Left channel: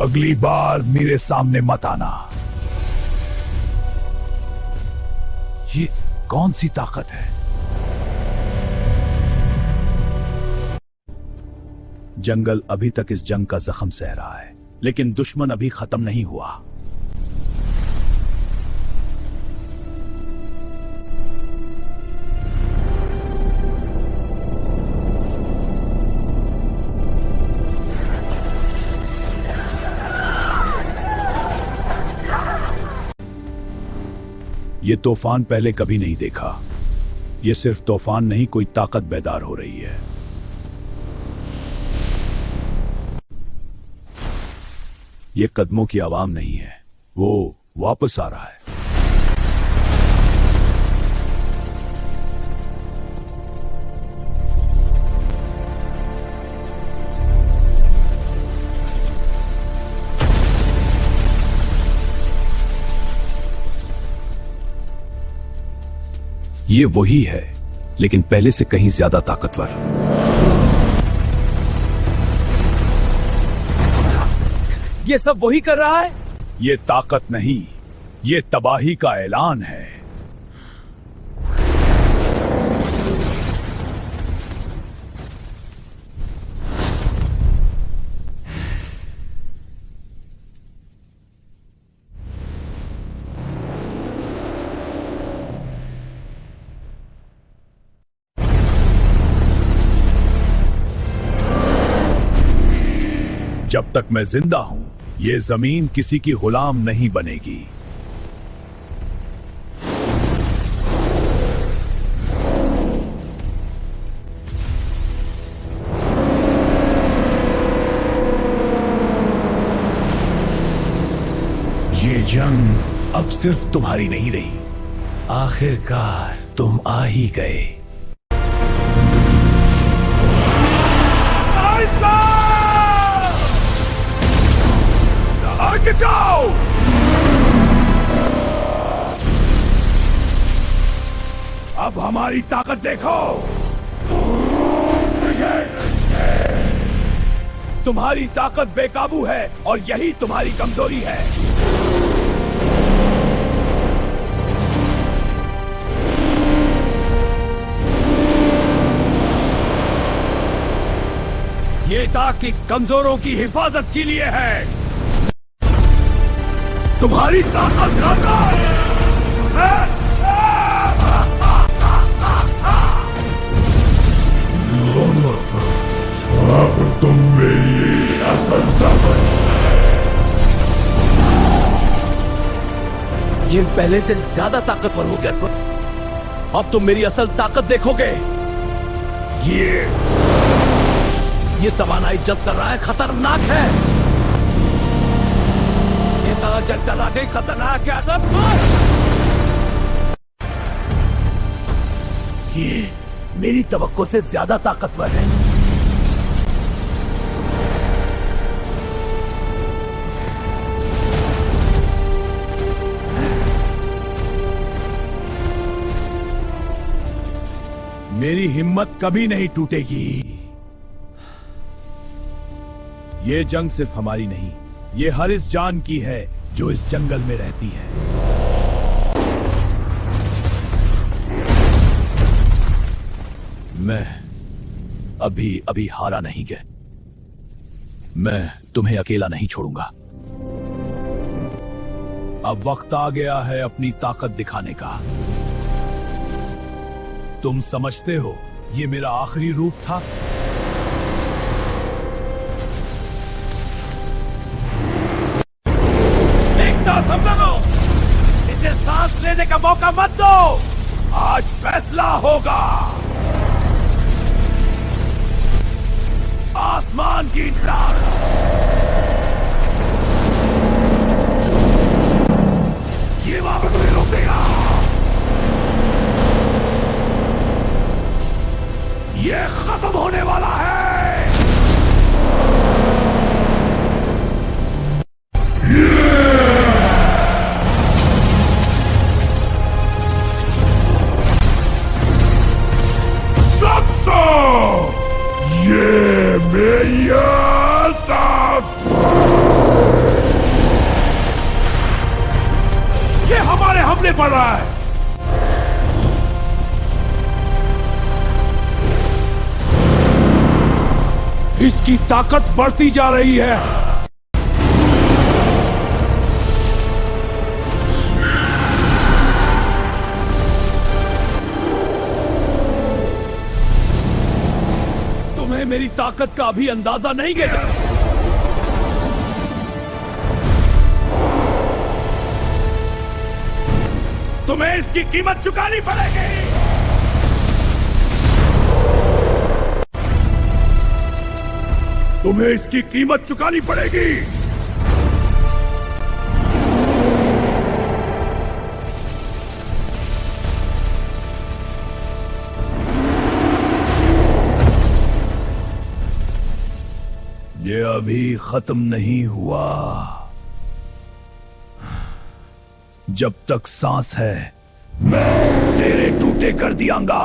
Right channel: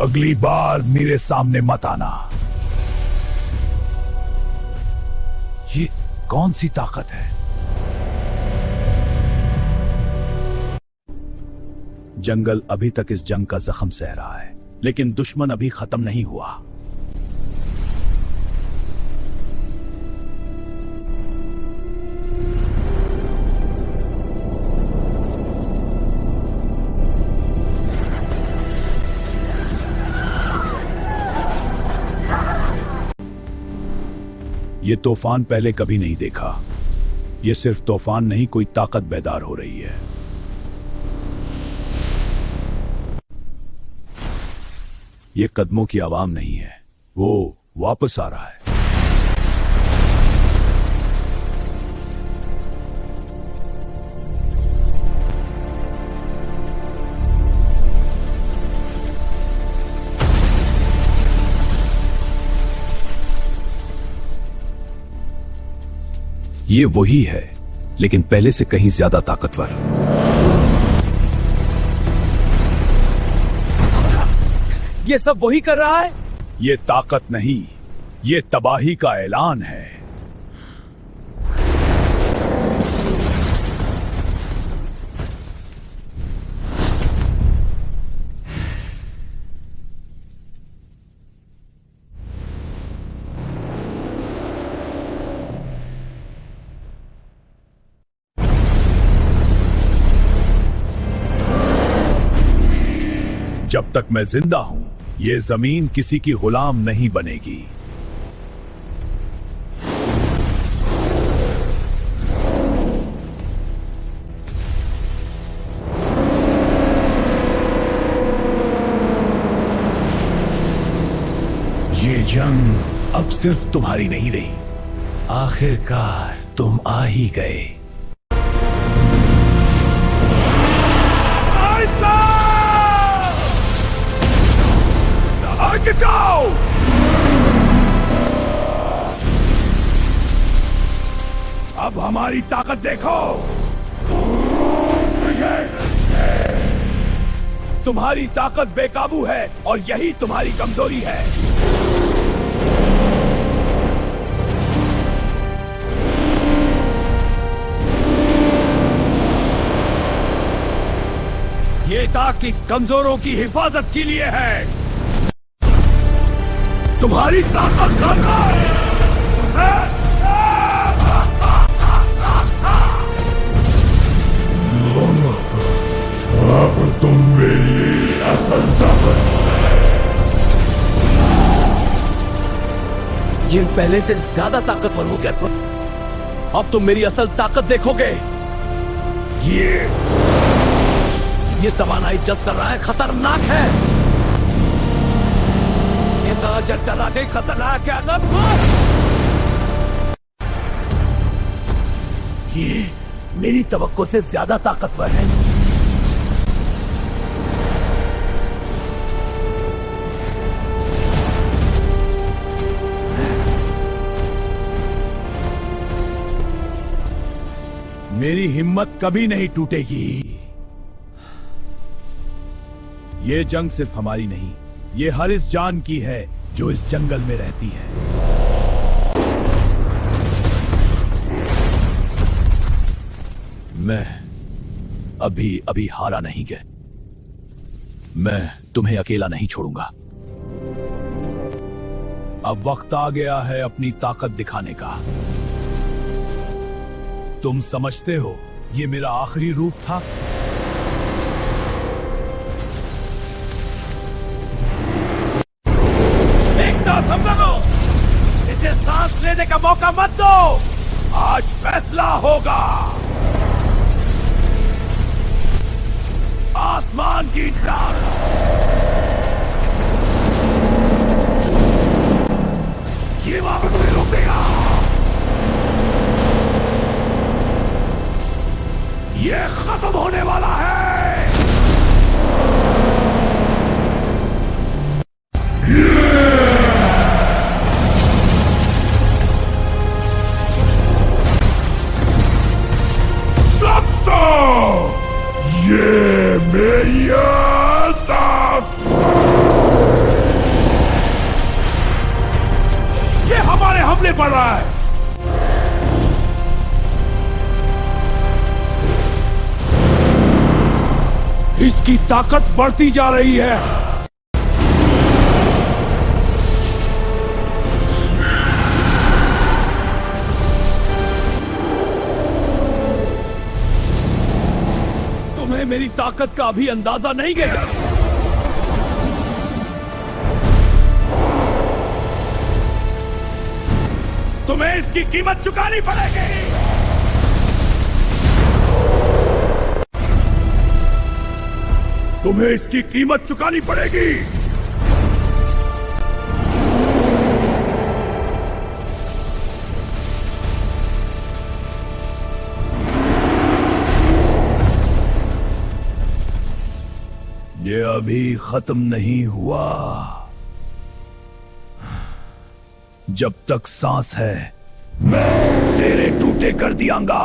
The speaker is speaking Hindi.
अगली बार मेरे सामने मत आना। ये कौन सी ताकत है? जंगल अभी तक इस जंग का जख्म सह रहा है, लेकिन दुश्मन अभी खत्म नहीं हुआ। ये तूफान पहले कभी नहीं देखा। ये सिर्फ तूफान नहीं, कोई ताकत बेदार हो रही है। ये कदमों की आवाम नहीं है, वो वापस आ रहा है। ये वही है, लेकिन पहले से कहीं ज्यादा ताकतवर। ये सब वही कर रहा है? ये ताकत नहीं, ये तबाही का ऐलान है। जब तक मैं जिंदा हूं, ये जमीन किसी की गुलाम नहीं बनेगी। ये जंग अब सिर्फ तुम्हारी नहीं रही। आखिरकार तुम आ ही गए। जाओ! अब हमारी ताकत देखो। तुम्हारी ताकत बेकाबू है और यही तुम्हारी कमजोरी है। ये ताकत कमजोरों की हिफाजत के लिए है। तुम्हारी ताकत कहाँ है? अब तुम मेरी असल ताकत। ये पहले से ज्यादा ताकतवर हो गया। अब तुम मेरी असल ताकत देखोगे। ये तवानाई जब कर रहा है, खतरनाक है। चला गई, खतरनाक है। ये मेरी तवक्को से ज्यादा ताकतवर है। मेरी हिम्मत कभी नहीं टूटेगी। ये जंग सिर्फ हमारी नहीं, ये हर इस जान की है जो इस जंगल में रहती है। मैं अभी हारा नहीं गया। मैं तुम्हें अकेला नहीं छोड़ूंगा। अब वक्त आ गया है अपनी ताकत दिखाने का। तुम समझते हो ये मेरा आखिरी रूप था? हम लोगों, इसे सांस लेने का मौका मत दो। आज फैसला होगा। आसमान की डाक ये वापस नहीं रोकेगा। ये खत्म होने वाला है। ये मेरी ताकत। हमारे हमले पड़ रहा है। इसकी ताकत बढ़ती जा रही है। तुम्हें मेरी ताकत का अभी अंदाजा नहीं है। तुम्हें इसकी कीमत चुकानी पड़ेगी। तुम्हें इसकी कीमत चुकानी पड़ेगी। ये अभी खत्म नहीं हुआ। जब तक सांस है मैं तेरे टूटे कर दियांगा।